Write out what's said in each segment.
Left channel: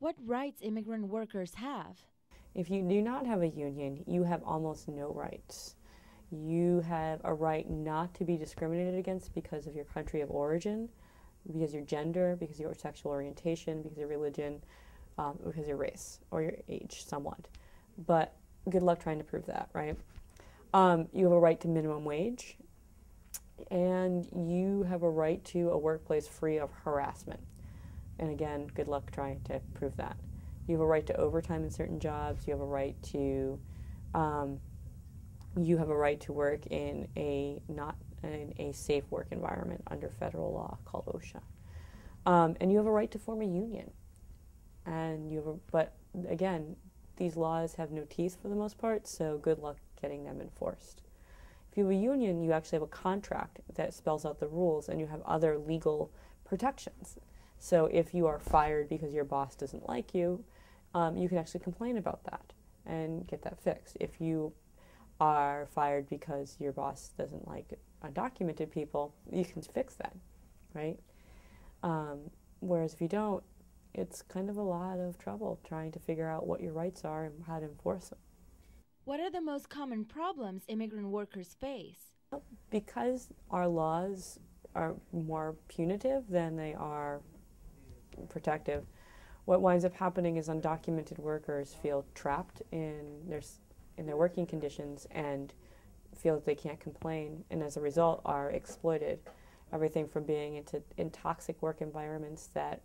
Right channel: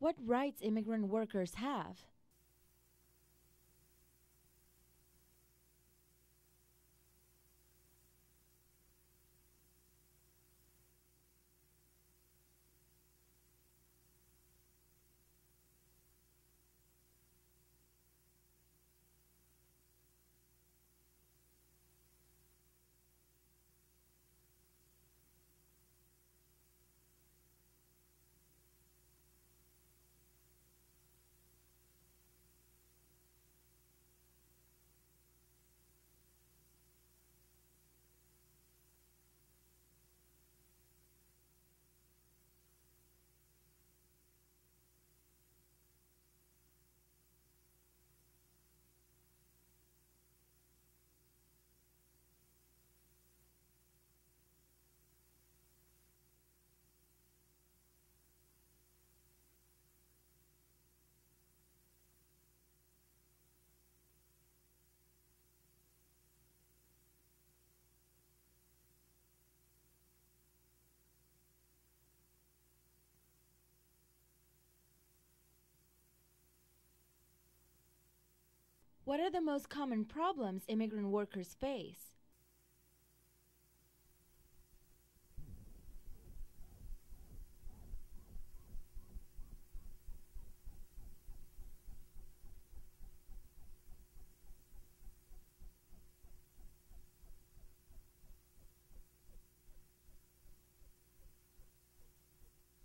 What rights immigrant workers have? If you do not have a union, you have almost no rights. You have a right not to be discriminated against because of your country of origin, because of your gender, because of your sexual orientation, because of your religion, because of your race or your age, somewhat. But good luck trying to prove that, right? You have a right to minimum wage, and you have a right to a workplace free of harassment. And again, good luck trying to prove that. You have a right to overtime in certain jobs. You have a right to work in a safe work environment under federal law called OSHA. And you have a right to form a union. But again, these laws have no teeth for the most part, so good luck getting them enforced. If you have a union, you actually have a contract that spells out the rules, and you have other legal protections. So if you are fired because your boss doesn't like you, you can actually complain about that and get that fixed. If you are fired because your boss doesn't like undocumented people, you can fix that, right? Whereas if you don't, it's kind of a lot of trouble trying to figure out what your rights are and how to enforce them. What are the most common problems immigrant workers face? Because our laws are more punitive than they are protective, what winds up happening is undocumented workers feel trapped in their working conditions and feel that they can't complain, and as a result are exploited. Everything from being in toxic work environments that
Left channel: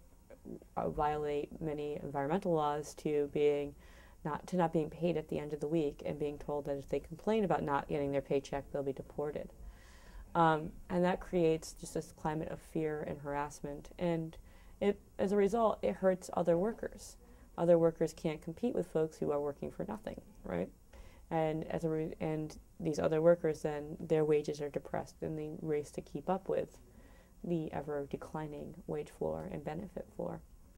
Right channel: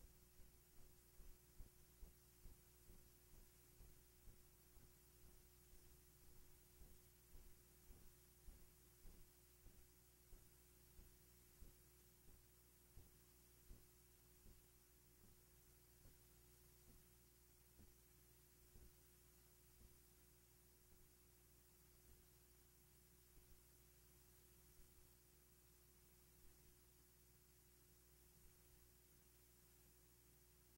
violate many environmental laws to not being paid at the end of the week and being told that if they complain about not getting their paycheck, they'll be deported. And that creates just this climate of fear and harassment. And as a result, it hurts other workers. Other workers can't compete with folks who are working for nothing, right? And these other workers, then their wages are depressed in the race to keep up with the ever declining wage floor and benefit floor.